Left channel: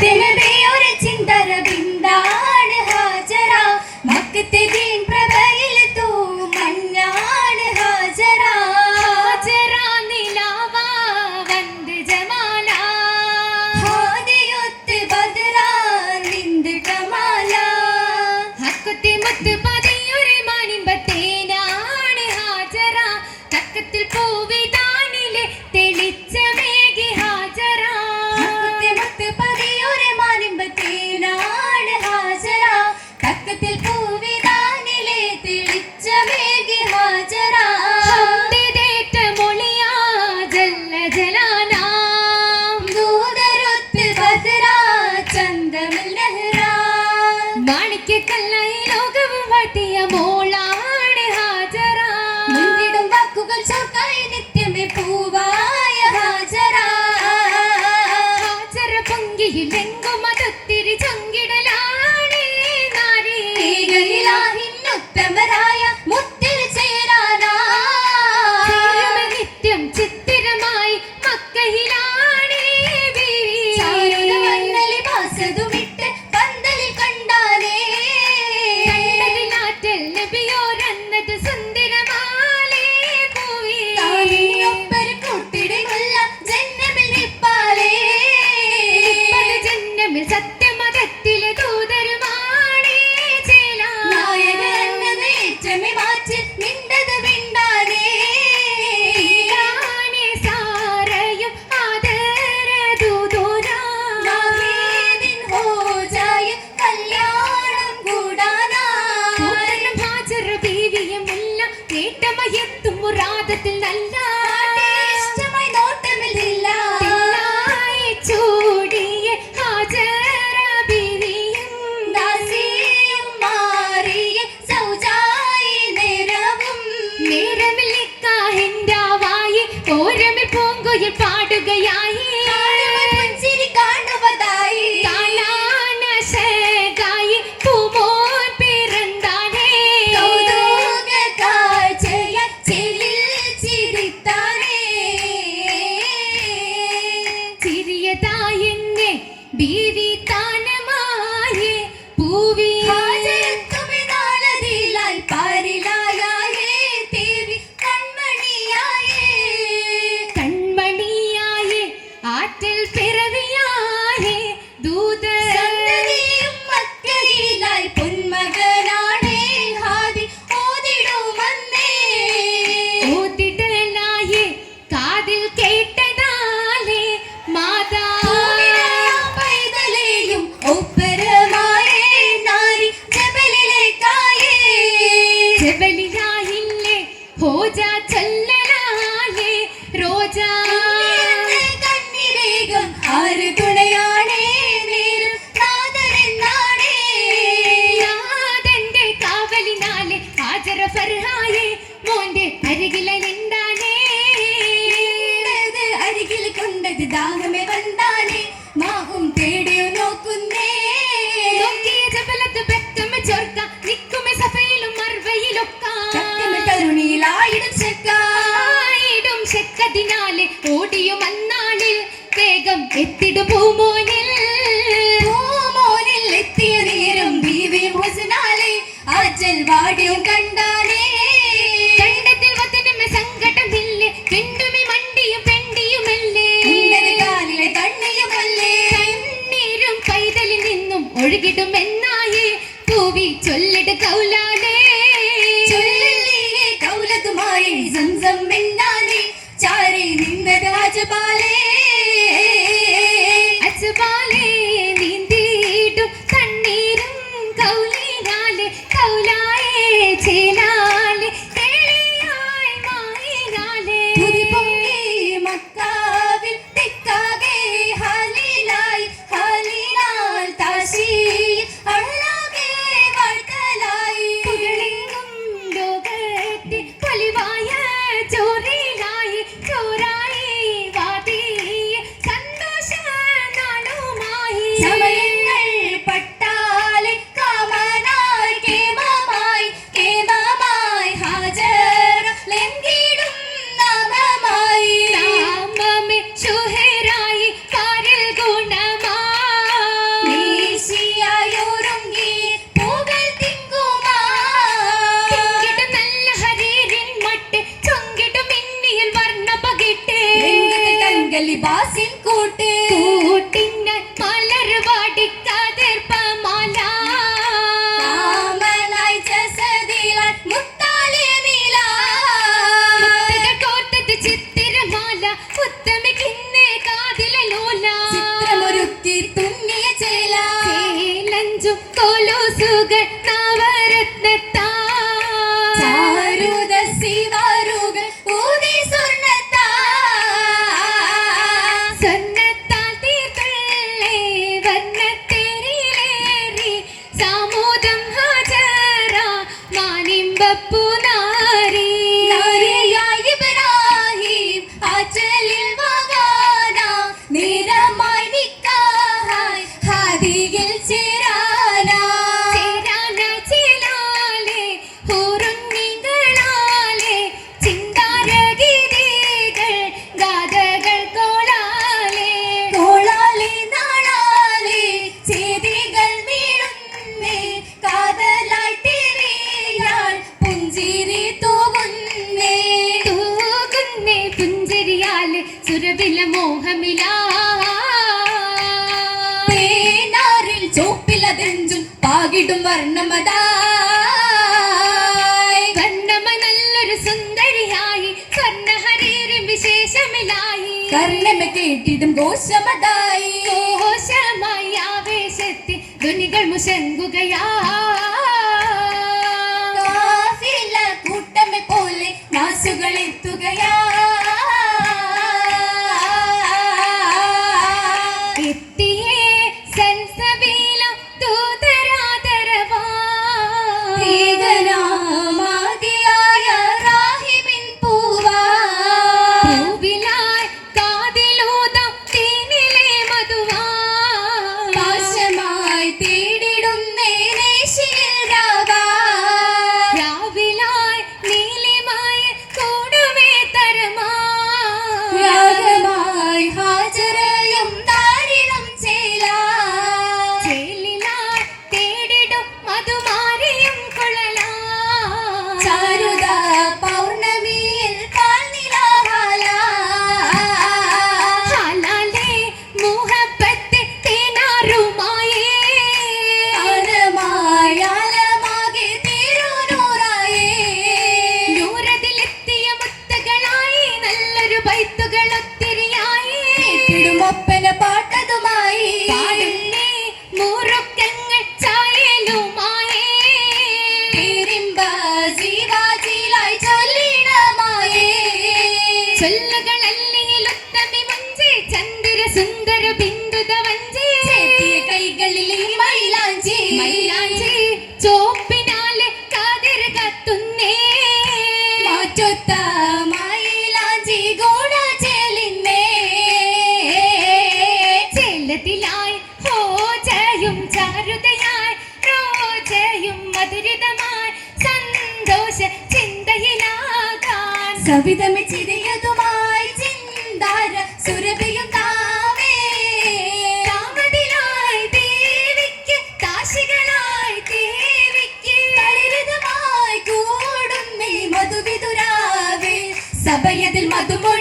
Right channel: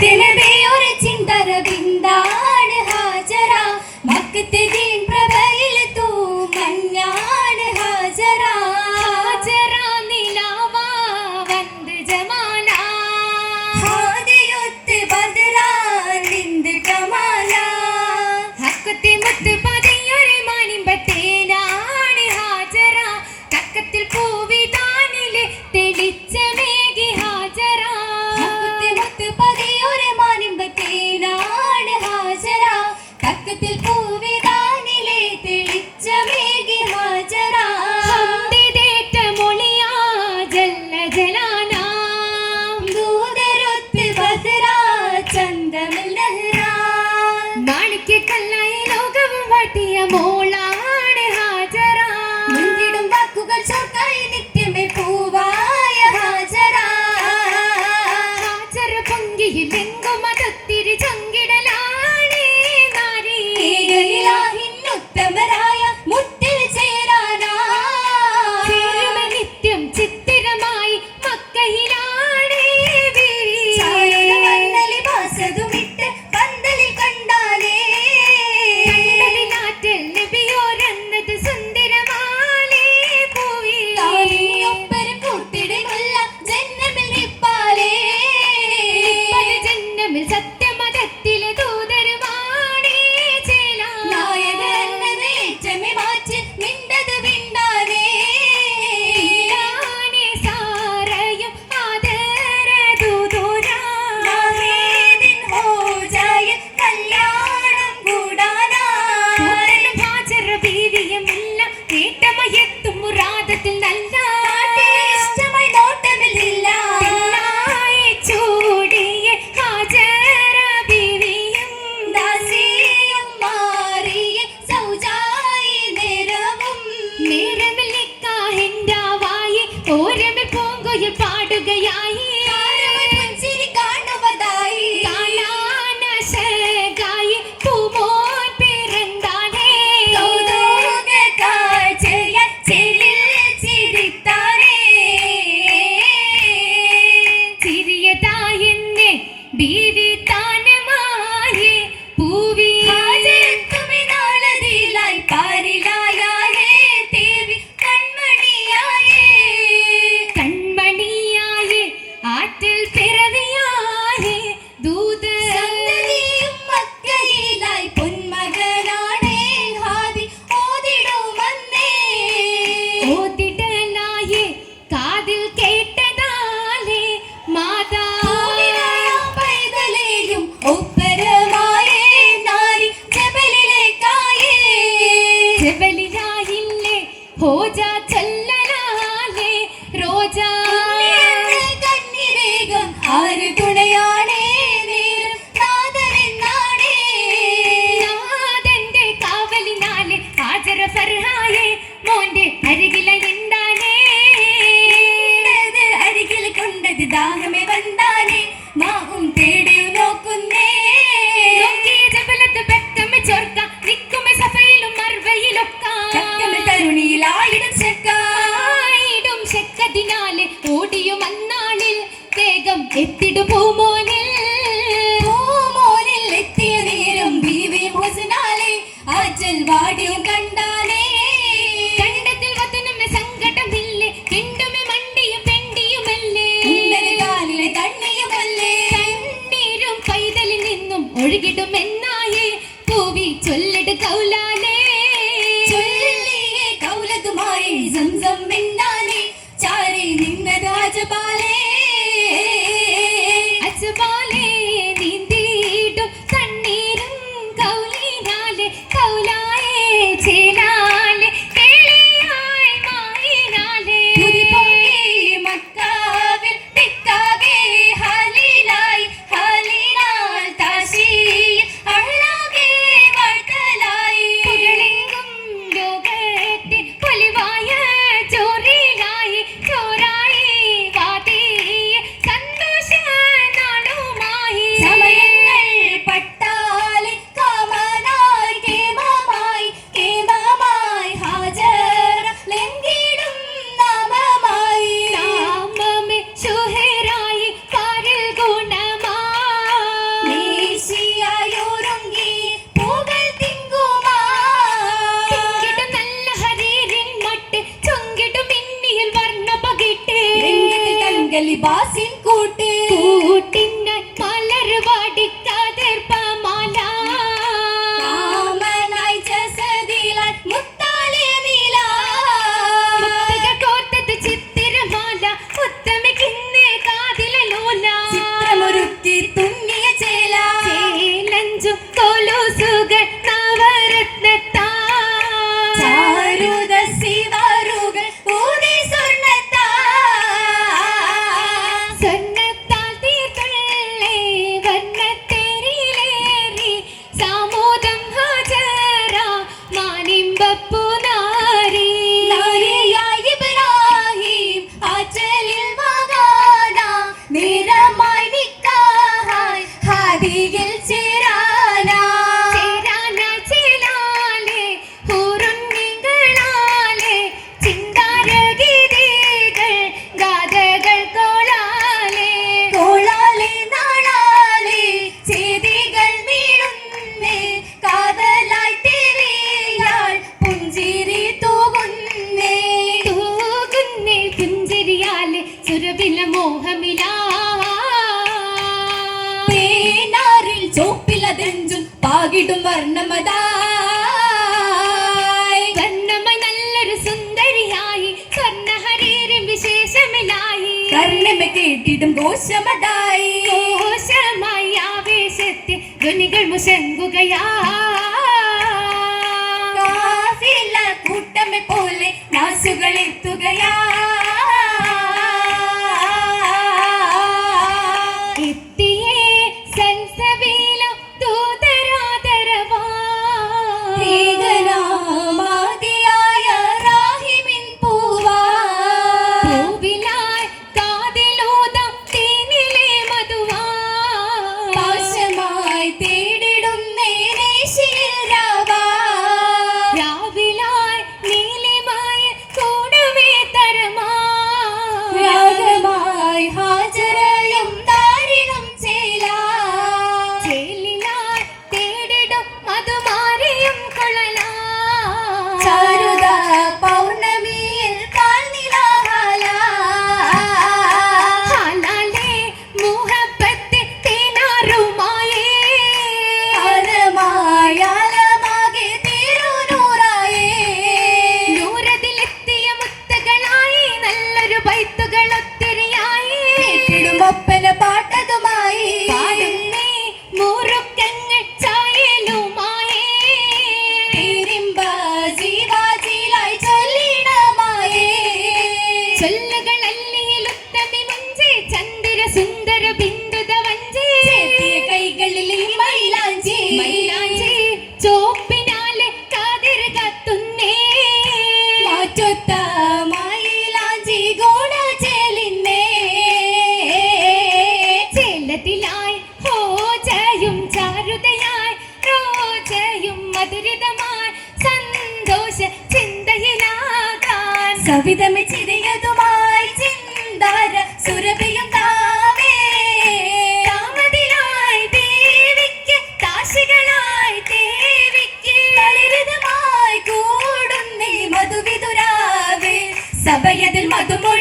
दिन बे और चिंतर बिंदान हाजरा मकत दिन प्रबल तू मन्नान हाजरा हाजरा नीलावा वंद जमाला हाद युत बदरा निंद कमाला हकते मत बदरा ചല്ലനാകെ ரோஜா கண்ணிரேகம் ஆறு துணையானே நேரும் காதலென்னாடே യാതെന്റെ കാവലിനാലെ ഹാജര ഫർഹായെ മോന്റെ അരികില നിന്നാനേ അരികിൽ കൊണ്ടത് ദാഹമേ വേഗം എത്തിടു പൂമോനിൽ. പൂമോനിൽ എത്തിയ നേരം ബീവി ഹുസനാലെ വാടിയും കണ്ടാലേ. കണ്ടത്തിൽ വതനമ പെണ്ടിയുമല്ലേ? കണ്ണീരും எலிபாசின் கூட்டு കർണമൊക്കെ ഇട്ടിട്ടും ഘോഷമതായി ഘോഷമായി ആവേശത്തെ ധ്വനികൾ മുശങ്കുകയാസില്ല കൂട്ടമെ പോലെ നാസുകൾ എത്തുകയാ. എത്തിയേ സെൻസബീലം തൂതരാതരവാ േഖനാമാതിയായ രാഹിമിൻ പൂവാ കവിതമി ചിരിയതുമായി ചിന്താര സുരഭിയും താവേ കാമതിയായി ദേവിക്ക് കാശികളായി ദേവിക്ക് പരിതമായി കൂടുന്നേ മധുവിതുരാവേ സഭയതിൽ മധുമൊഴി